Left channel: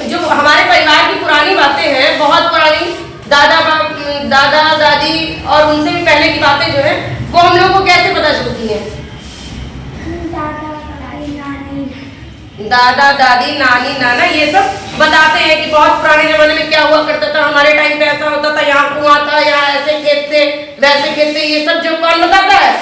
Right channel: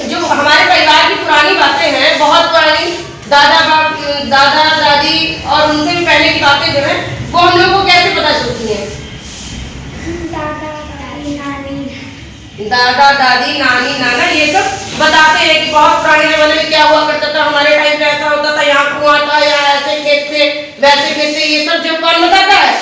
जो हमारे परिवार की पुरानी बातें हैं, बहुत पुरानी, दादा दादी और उनसे भी पहले की बातें जो है वो हम लोग को कैसे पता चलती हैं? दादा दादी नानी नाना ये सब बताते हैं कि बहुत पुराने जमाने में क्या हुआ करता था, हमारे टाइम पे ऐसा होता था, यहाँ कुआं था, यहाँ ऐसे खेत थे, वैसे खेत थे। ये सब जो कौन बताता है?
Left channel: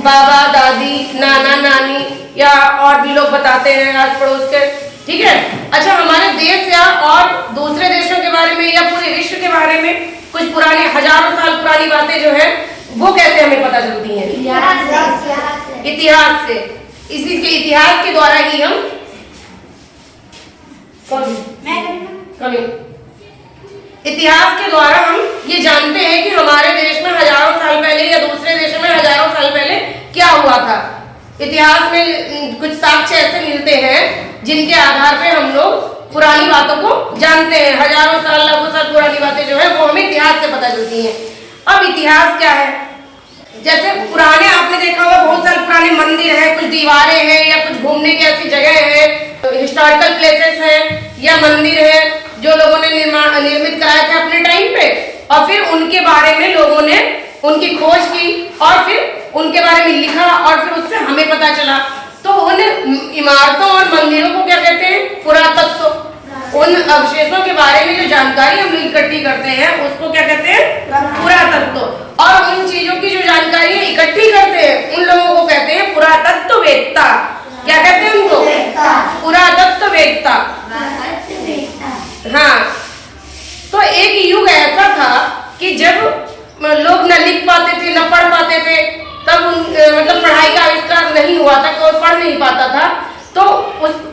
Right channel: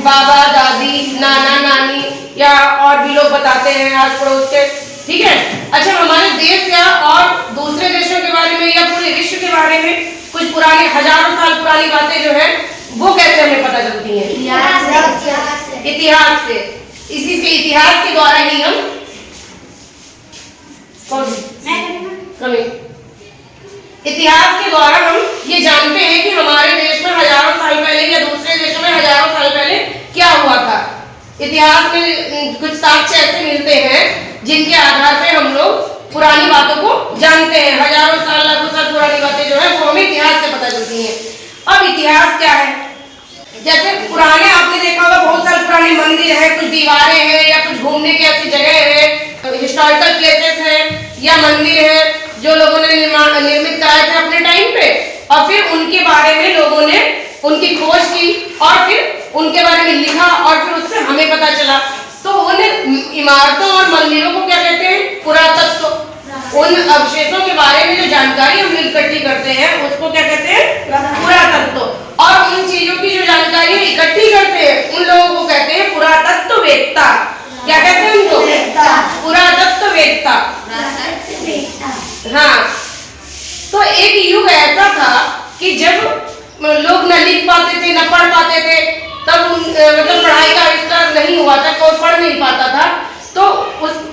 बाबा दादी नाना नानी या और भी लोग बताते हैं आस पड़ोस के। ठीक है। अच्छा, हमारे देश या और दूसरे देशों के बारे में या पूरे विश्व के बारे में कुछ पुराने हजारों साल पुरानी बातें जो है वो कैसे हमें पता चलती हैं? इतिहास से। इसी के इतिहास के द्वारा ही हम इतिहास के द्वारा हम ये जानते हैं कि हमारे देश में हजारों साल पहले या दूसरे देशों में हजारों साल पहले क्या हुआ था। इतिहास में कुछ साक्ष्य ऐसे मिलते हैं जिनके आधार पे हम लोग पुरानी बातों को जानते हैं। हजारों साल लाखों साल पुरानी बातें जो है वो हमें इतिहास से पता चलती हैं। अब इतिहास क्या है? जैसे पुराने आपने देखा होगा बहुत सारे पुराने मंदिर हैं, कुछ दीवारें हैं या कुछ घूमने की ऐसी जगह है, हिस्टोरिकल प्लेसेस हैं या मंदिर है जो लोगों ने निर्मित कराए थे अपने टाइम पे, और फिर उनके बारे में लोगों ने उनकी खोज की और फिर उनके बारे में लिखा और फिर उससे हमें पता चला। तो उन इमारतों और मंदिरों को क्या कहते हैं? पुरातत्व। उन अवशेषों के बारे में जो जानकारी हम इकट्ठी करते हैं उसको क्या कहते हैं? पुरातत्व। और उन चीजों की जो जानकारी इकट्ठी करते हैं उन लोगों को कहते हैं पुरातत्ववेत्ता। क्या कहते हैं उनको? पुरातत्ववेत्ता। हाँ, तो एक युग ऐसा था कि जब लोग न लिख पाते थे न पढ़ पाते थे, तब मतलब पढ़ाई का आविष्कार नहीं हुआ था, कोई पढ़ नहीं पाता था। तो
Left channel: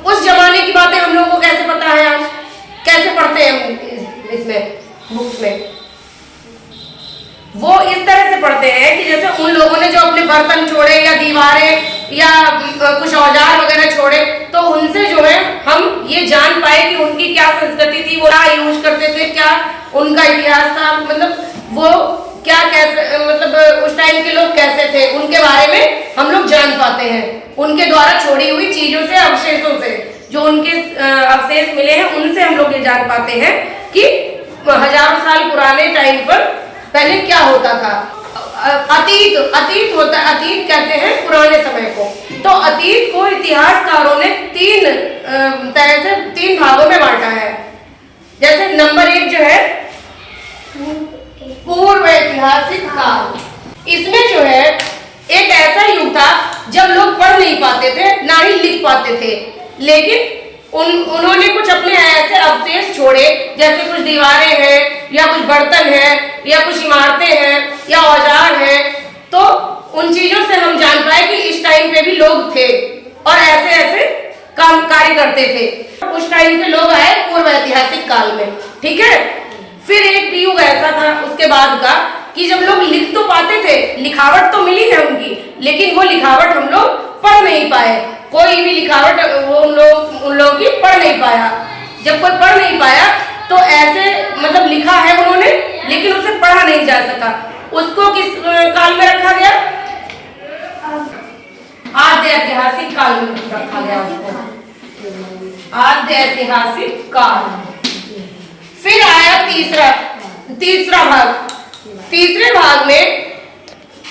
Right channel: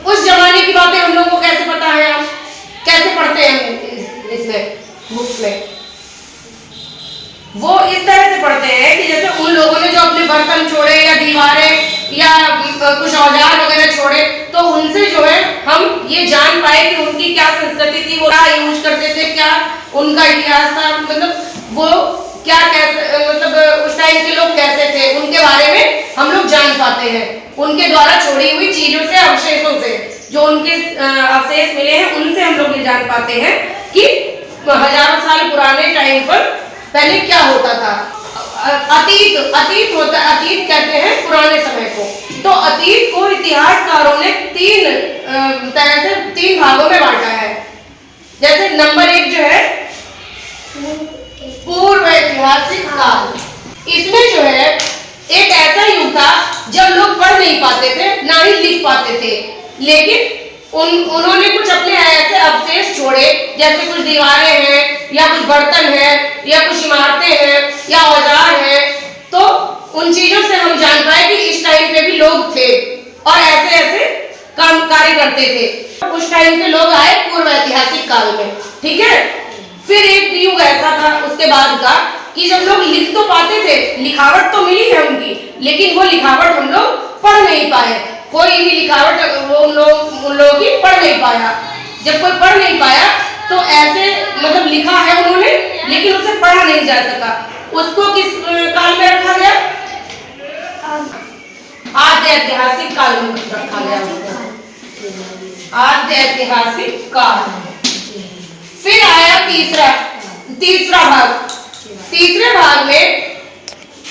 उस जमाने की बातें हम लोगों को कैसे पता है? आज कैसे पढ़ते हैं इसमें बुक्स में? वो इस तरह से पढ़ते हैं कि जैसे उन लोगों ने जो अपने बर्तन छोड़े या दीवारें या कुछ औजार वगैरह छोड़े, तो उनसे जो है हम ये जान पाए कि उनकी क्या संस्कृति थी, वो क्या यूज करते थे, क्या उनका इतिहास था, मतलब वो क्या कैसे, मतलब उस टाइम के लोग कैसे थे, उनके बारे में हम लोग जान पाते हैं। उनके द्वारा छोड़ी हुई चीजों से, अवशेषों से, जो उनके अवशेष मिले हैं उनसे हम लोग ये जान पाते हैं कि हजारों साल पुराने टाइम पर पहले क्या होता था। अतीत होता, अतीत कहते हैं पुराने समय को। तो अतीत को इतिहासकारों ने तीन भागों में बांटा है। जैसे नंबर 1 जो है पूर्व ऐतिहासिक काल। इसमें जो है एक ऐसा युग था जब लोग पढ़ नहीं पाते थे ना ही लिख पाते थे, लेकिन उन्होंने कुछ अपने ऐसे अवशेष छोड़े, जैसे कुछ दीवारें हैं या कुछ बर्तन है या कुछ इमारतें हैं या औजार है। तो उन चीजों से हम जान पाए कि इस टाइम पे भी लोग थे और ऐसे ऐसे काम कार्य करते थे। उस टाइम के लोग आए पूर्व ऐतिहासिक काल में। ठीक है। फिर एक युग ऐसा था उसके बाद का कि जब लोग लिख तो पाते थे, लिखावट तो मिली है उनकी, लेकिन वो लिखावट हम लोग पढ़ नहीं पाए। कोई भी लिखावट उन लोगों की पढ़ नहीं पाया। जब कोई पढ़ नहीं पाया तो ऐसे मतलब लिखा है उन्होंने, लेकिन उसे पढ़ा नहीं जा सका। उसको किस काल में रखा गया? आद्य ऐतिहासिक काल में रखा गया उसको। आद्य ऐतिहासिक काल। फिर आया तीसरा भाग। तीसरे भाग में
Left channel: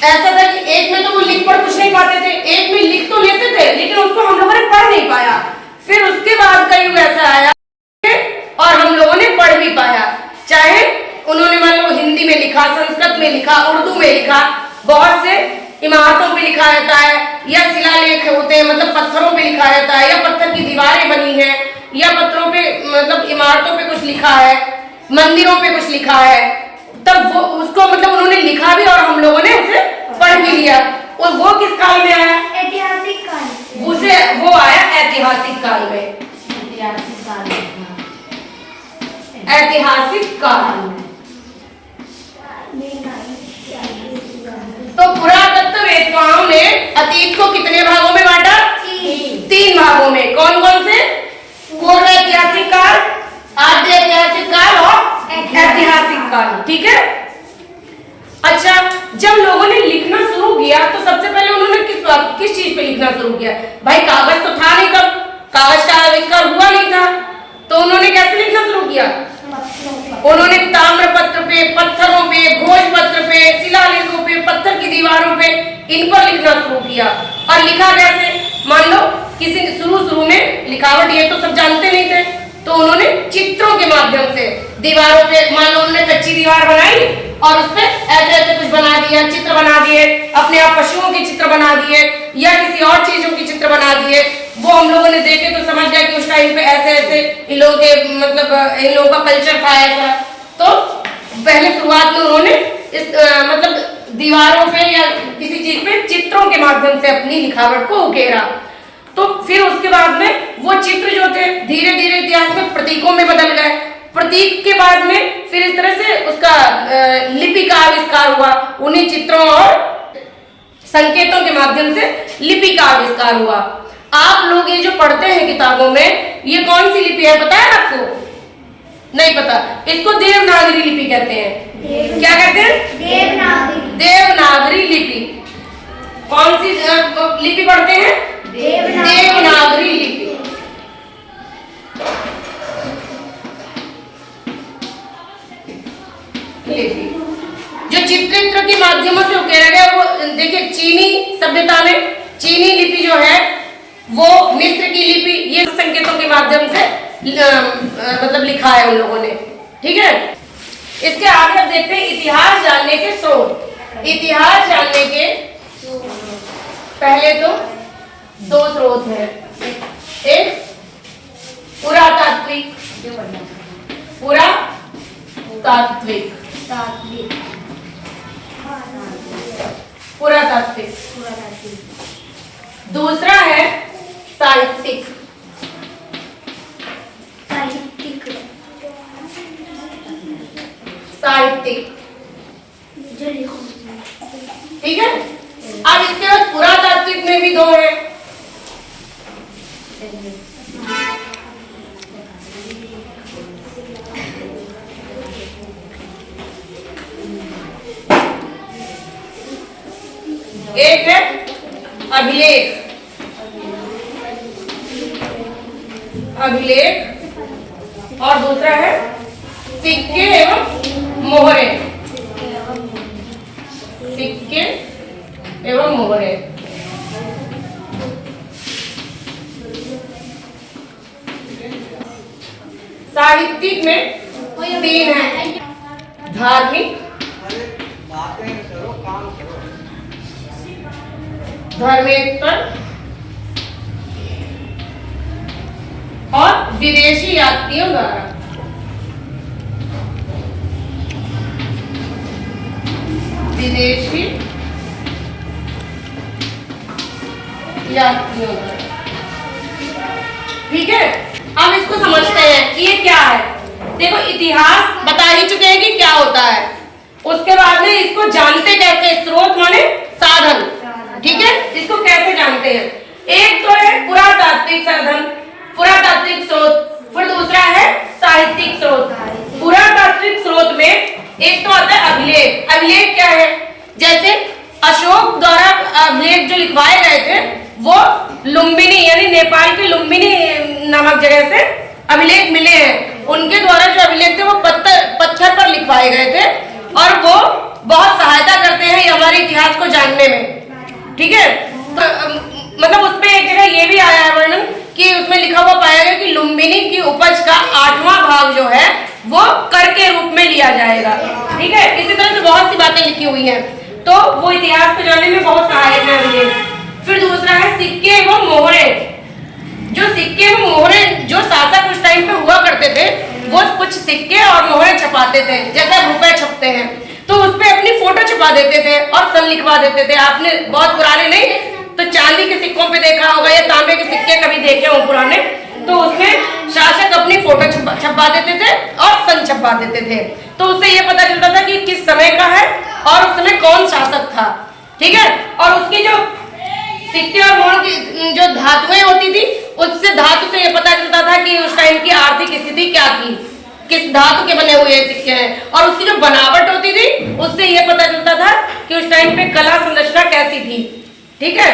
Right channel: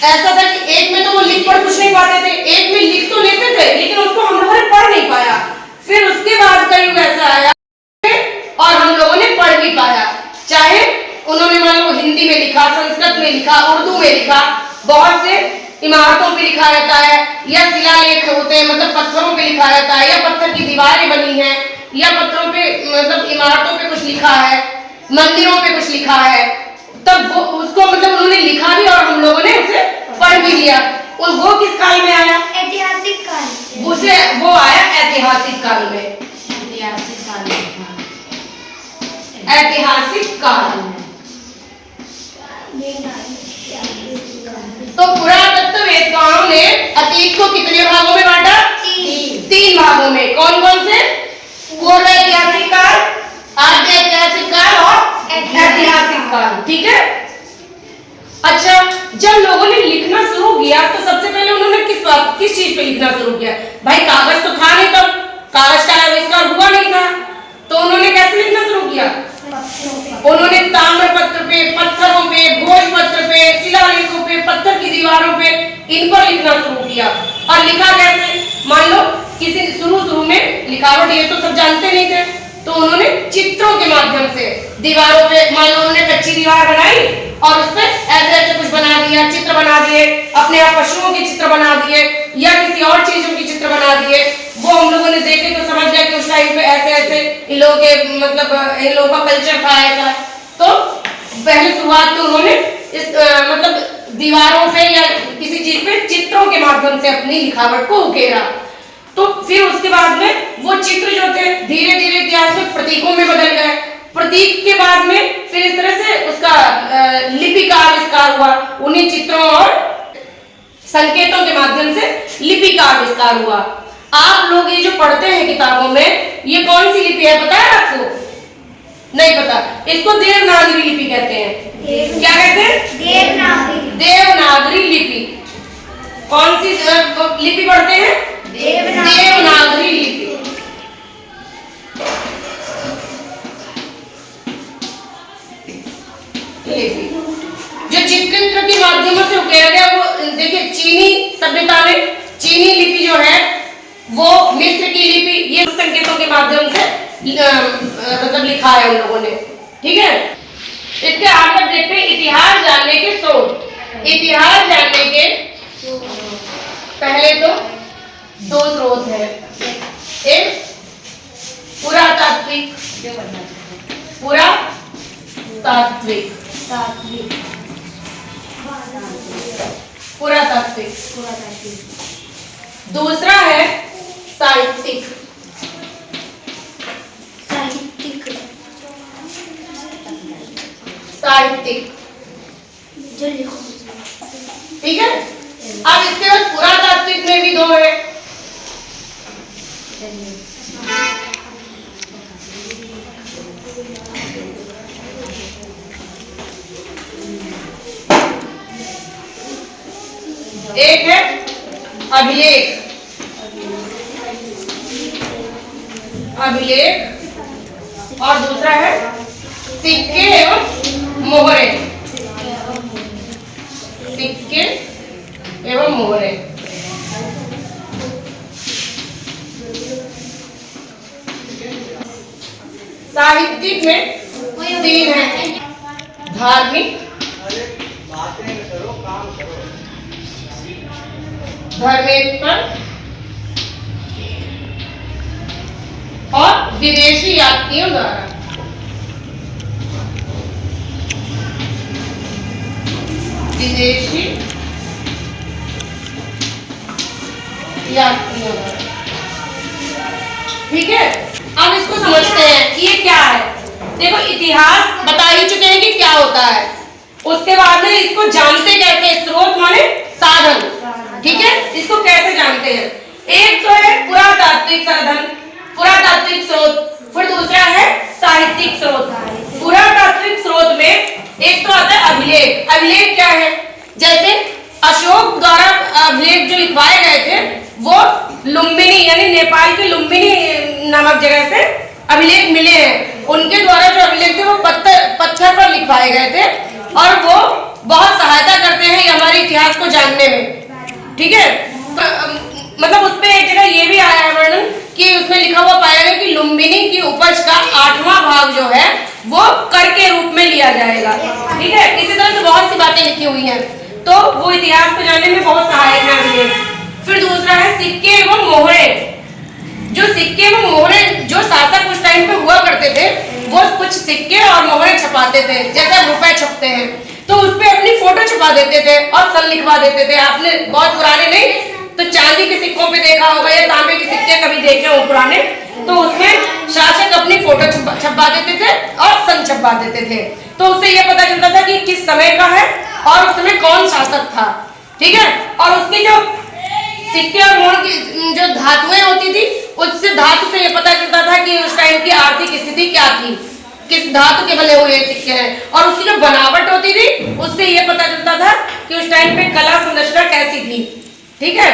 ऐसा था कि एक में तो वो लिख पढ़ कुछ नहीं पाते थे, एक में लिख तो लेते थे लेकिन उसको हम लोगों ने पढ़ नहीं पाया। फिर उसके बाद का युग ऐसा आया और हम लोगों ने पढ़ भी पाया। चाहे उन्होंने मान लो हिंदी में लिखा, संस्कृत में लिखा, उर्दू में लिखा, बहुत से इमारतों पे लिखा रहता है या शिलालेख होते हैं, मतलब पत्थरों पे लिखा रहता है, या पत्थर की दीवारें बनी है या पत्थरों पे मतलब इमारतों पे कुछ लिखा है, मंदिरों पे कुछ लिखा है। तब वो उसको मतलब उन्होंने लिखा भी और हम लोगों ने उसे पढ़ भी लिया। और वो किस काल में आया? ऐतिहासिक काल। उसे वो आया ऐतिहासिक काल में। ऐतिहासिक काल में। तो पुरातत्ववेत्ताओं ने अतीत को कितने भागों में बांटा? 3 भागों में। कौन कौन से? पूर्व ऐतिहासिक काल, आद्य ऐतिहासिक काल और ऐतिहासिक काल। ठीक है। अच्छा, जब लोगों ने लिखना शुरू किया तो सबसे पहले उन्होंने किस चीज पे लिखना शुरू किया? भाई कागज तो था नहीं, तब कागज का आविष्कार हुआ नहीं था। इन पर लिखना शुरू किया। और लिखा कैसे, मान लो किसी शुरू में लिखावट ये तो सब जानते नहीं थे, तो उन्होंने चित्रों के माध्यम से दीवारों पे, मान लो उन्होंने कच्ची दीवार बनाई और उस पे ऐसे ऐसे कुछ बना दिया, चित्र बना दिए, अपने आप पशुओं के चित्र बना दिए या किसी और चीजों के चित्र बना दिए। वो हम लोगों ने देखे तो समझ गया कि उस टाइम पे ऐसे ऐसे इन लोगों के मतलब इन लोगों का कल्चर था ऐसा। तो पहले शुरुआत में उन्होंने इस मतलब दीवारों पे या किसी चीज पे चित्रों के माध्यम से अपनी लिखावट को उकेरा। तो फिर उसके बाद में वो चित्र जो थे धीरे धीरे इतिहास में प्रतीकों में बदल गए। प्रतीक के बाद में फिर इस तरह से उसका लिपि का आविष्कार हुआ। उन्हीं चित्रों और संकेतों के माध्यम से लिपि का आविष्कार हुआ। आप लोग ये जो पढ़ते हैं किताबों में, ये कौन सी लिपि है पता है आपको? नहीं पता। इसको देवनागरी लिपि कहते हैं। क्या कहते हैं? देवनागरी। देवनागरी लिपि। कौन सी लिपि पढ़ते हैं? देवनागरी लिपि। जो चित्रित्र के माध्यमों से उकेरा गया वो देखिए चीनी सभ्यता में चीनी लिपि जो है वो मिस्र की लिपि, ये संकेतों के माध्यम से मतलब लिखा है उन लोगों ने। ठीक है, इसके आगे अब देखते हैं इतिहास जानने के स्रोत। इतिहास जानने के पहले तो दो स्रोत हैं, एक पुरातात्विक पुरातात्विक, दूसरा है साहित्यिक। ठीक है, अब इसके बाद पुरातात्विक में भी दो है। एक है अभिलेख और दूसरा है सिक्के एवं मोहरे। सिक्के एवं मोहरे। साहित्यिक में तीन है, धार्मिक, धर्मेत्तर और विदेशी यात्रियों द्वारा। विदेशी यात्रियों द्वारा। ठीक है, अब इसको समझते हैं कि ये क्या है। देखो इतिहास बता ही चुके हैं कि क्या होता है, उसके बाद में इसको जानते कैसे, स्रोत माने साधन। ठीक है, इसको कैसे जानते हैं? एक तो है पुरातात्विक साधन, पुरातात्विक स्रोत, फिर दूसरा है साहित्यिक स्रोत। पुरातात्विक स्रोत में एक तो आता है अभिलेख। अभिलेख क्या है? जैसे अशोक द्वारा अभिलेख जो लिखवाए गए थे वो लुम्बिनी यानी नेपाल के लुम्बिनी नामक जगह से अभिलेख मिले हैं। उनके द्वारा जो अभिलेख थे वो पत्थर पर लिखवाए गए थे और वो बहुत सहायता करते हैं हमारे इतिहास को जानने में। ठीक है, तो मतलब उसमें एक जगह ये भी आया है वर्णन कि उसमें लिखा हुआ पाया गया कि लुम्बिनी की उपज का 8वां भाग जो है वो कर के रूप में लिया जाएगा। ठीक है, इसी तरह से बहुत सी बातें लिखी हुई हैं, तो वो इतिहास को जानने में बहुत सहायक है। फिर दूसरा है सिक्के एवं मोहरे। जो सिक्के एवं मोहरे जो शासक उस टाइम पे हुआ करते थे वो कुछ सिक्के और मोहरे छपाते थे, जैसे रुपए छपते हैं तो उसपे अपनी फोटो छपा देते थे और सन लिखवा देते थे। आपने बहुत पुराने नहीं तो चांदी के सिक्कों पे देखा होगा या तांबे के सिक्के कभी देखे हो पुराने, तो उसमें शासक अपनी फोटो छपा देते थे और सन छपा देते थे, तो उससे ये पता चलता था कि किस समय का है और उस समय कौन शासक था। ठीक है, और उसके जो सिक्के और मोहर की जो धातुएं होती थी उससे धातु से ये पता चलता था कि उस टाइम की आर्थिक स्थिति क्या थी, किस धातु के बने हुए सिक्के हैं, और उसकी जो बनावट होती थी उससे ये पता चलता था कि उस टाइम पे कला संरचना कैसी थी। ठीक है,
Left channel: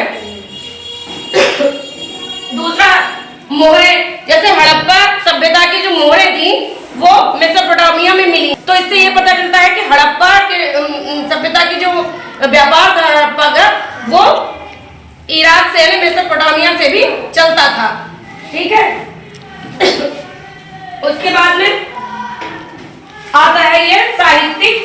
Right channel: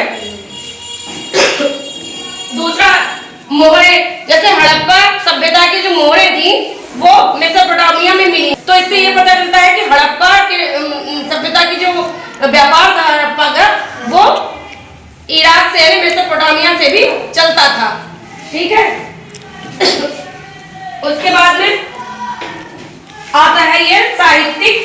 दूसरा मोहरे, जैसे हड़प्पा सभ्यता की जो मोहरे थी वो मेसोपोटामिया में मिली, तो इससे ये पता चलता है कि हड़प्पा के सभ्यता की जो व्यापार था हड़प्पा का वो इराक से यानी मेसोपोटामिया से भी चलता था। ठीक है। उसके बाद में आता है ये साहित्यिक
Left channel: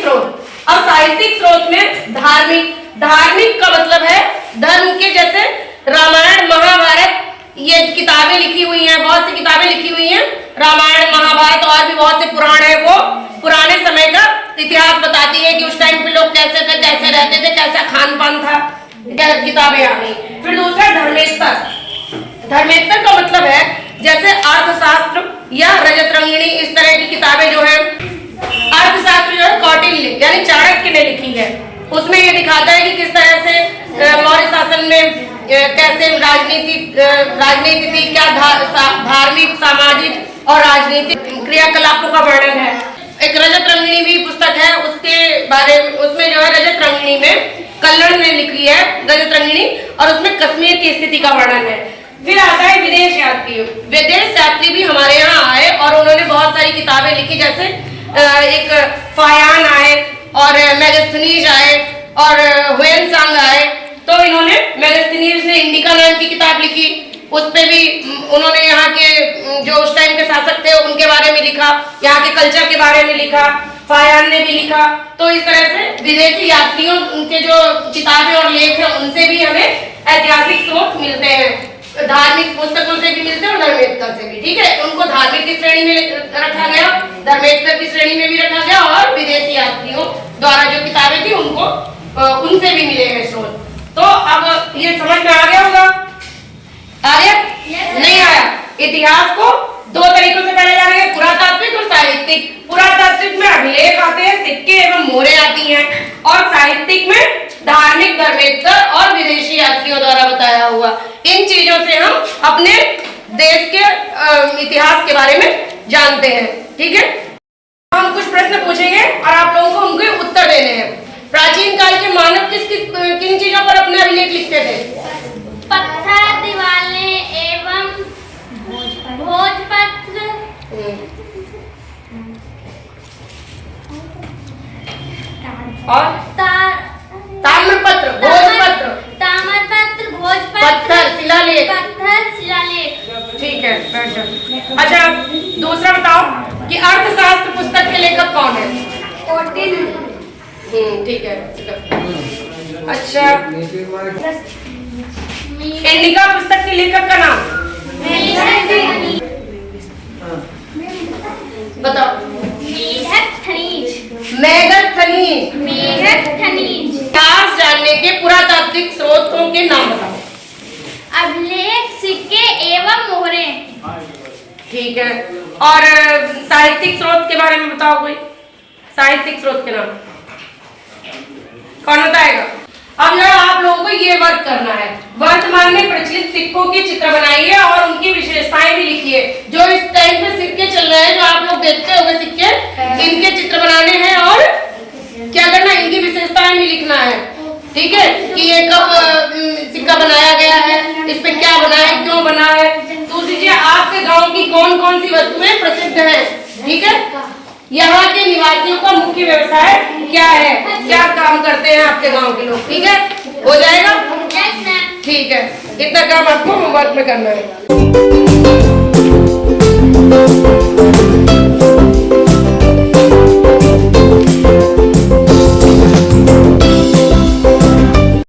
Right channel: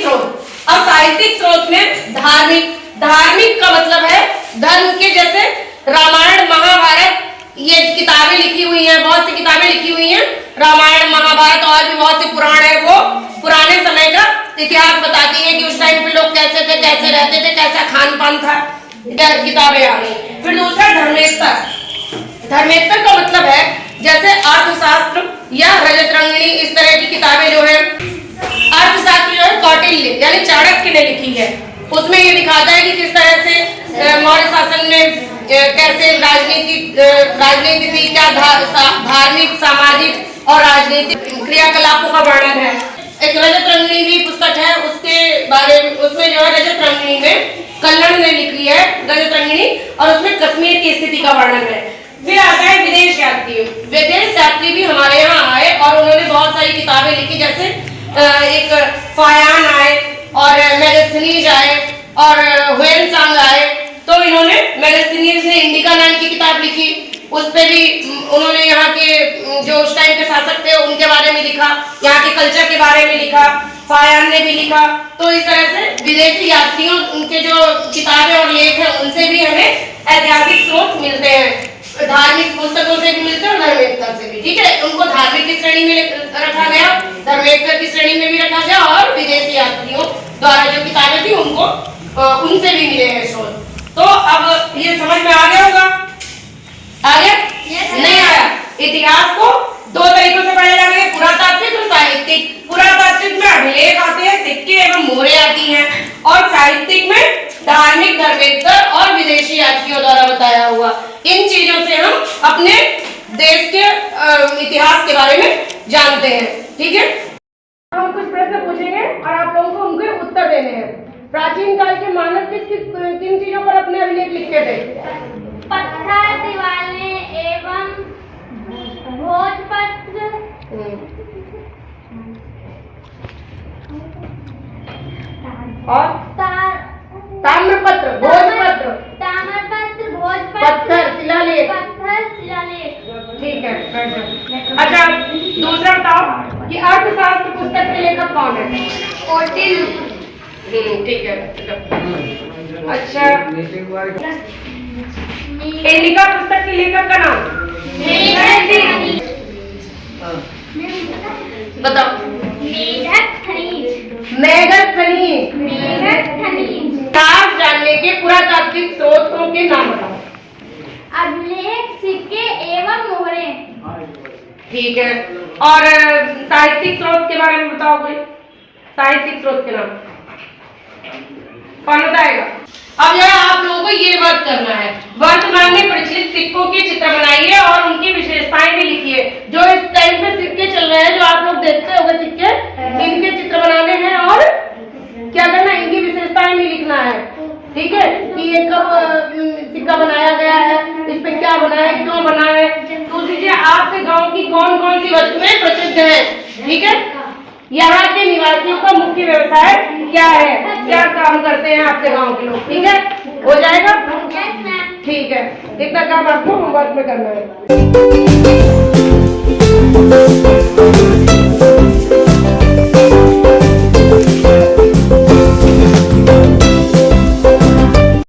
स्रोत। अब साहित्यिक स्रोत में धार्मिक का मतलब है धर्म के, जैसे रामायण महाभारत, ये किताबें लिखी हुई हैं, बहुत सी किताबें लिखी हुई हैं, रामायण महाभारत और भी बहुत से पुराण है, वो पुराने समय का इतिहास बताती है कि उस टाइम पे लोग कैसे थे, कैसे रहते थे, कैसा खान पान था, किताबें आ गई। फिर दूसरा धर्मेत्तर का मतलब है जैसे अर्थशास्त्र या रजत रंगिणी, इस तरह की किताबें जो है। अर्थशास्त्र जो है कौटिल्य यानी चाणक्य ने लिखी है, उसमें ये दिखाता है कि किस तरह से मौर्य शासन में कैसे राजनीति थी, क्या धार्मिक, सामाजिक और राजनीतिक क्रियाकलापों का वर्णन है। एक रजत रंगिणी भी पुस्तक है, उसके बारे में, उसमें जो है रजत रंगिणी में कल्लण ने लिखी है रजत रंगिणी, और उसमें कश्मीर की स्थिति का वर्णन है। फिर आता है विदेश यात्री भी हमारे यहाँ आए और उन्होंने बहुत सारी किताबें लिखी, जैसे एक फायान आए और मैगस्थनीज आए और हुएनसांग आए। तो इन्होंने मैगस्थनीज ने इंडिका नाम की किताब लिखी, उस पे भी उन्होंने यहाँ के जो उस टाइम के शासक थे उनके बारे में लिखा, यहाँ के कल्चर के बारे में लिखा, फायान ने भी लिखा। तो इस तरह से विदेशी यात्रियों उनके जो किताबें और लेख हैं उनसे भी हमें ऐतिहासिक स्रोत मिलते हैं, धार्मिक पुस्तकों से भी मिलते हैं और धर्मेत्तर से भी। ठीक है, उनको धार्मिक की श्रेणी में रखा गया, धर्मेत्तर की श्रेणी में भी रखा गया, और विदेशी यात्रियों द्वारा जो किताबें थी उनको उनसे भी मिले हैं स्रोत। तो अब ये समझ में आ गया होगा? आ गया? नहीं आया? इतिहास को दो तरीकों से पढ़ा जाएगा, पुरातात्विक और साहित्यिक। पुरातात्विक में अभिलेख आते हैं, सिक्के एवं मोहरें आती हैं, और साहित्यिक में धार्मिक, धर्मेत्तर और विदेशी यात्रियों द्वारा बताया हुआ। इन चीजों से हम अपने देश के इतिहास के बारे में जानते हैं। ठीक है, हम कुछ प्रश्न पूछेंगे और आप लोगों को उनके उत्तर देने हैं। प्राचीन काल के मानव किन चीजों पर अपने अभिलेख लिखते थे? पत्थर, दीवारें एवं भोजपत्र, और ताम्रपत्र, भोजपत्र, पत्थर, शिलालेख। ठीक है, बैठ जाओ। अच्छा, दूसरा बताओ कि अर्थशास्त्र पुस्तक के लेखक कौन है? कौटिल्य। ठीक है। अच्छा, इंडिका पुस्तक के लेखक का नाम बताओ। मेगस्थनीज। इतिहास जानने के पुरातात्विक स्रोतों के नाम बताओ। अभिलेख, सिक्के एवं मोहरें। ठीक है, और साहित्यिक स्रोत के बारे में बताओ कोई। साहित्यिक स्रोत के नाम कौन बताएगा? अब यह आप लोगों को ये वर्क करना है। वर्तमान में प्रचलित सिक्कों की चित्र बनाइए और उनकी विशेषताएं भी लिखिए। जो इस टाइम पे सिक्के चल रहे हैं, जो आप लोग देखते होंगे सिक्के, इनके चित्र बनाने हैं और क्या करना, इनकी विशेषताएं भी लिखना है। ठीक है, कि ये कब सिक्का बनाया गया है, इस पे क्या बना है, क्यों बना है। दूसरी चीज, आपके गाँव की कौन कौन सी वस्तुएं प्रसिद्ध है। ठीक है, यहाँ के निवासियों का मुख्य व्यवसाय क्या है, क्या काम करते हैं आपके गांव के लोग। ठीक है, हो जाएगा? ठीक है, इतना काम आपको होमवर्क में करना है।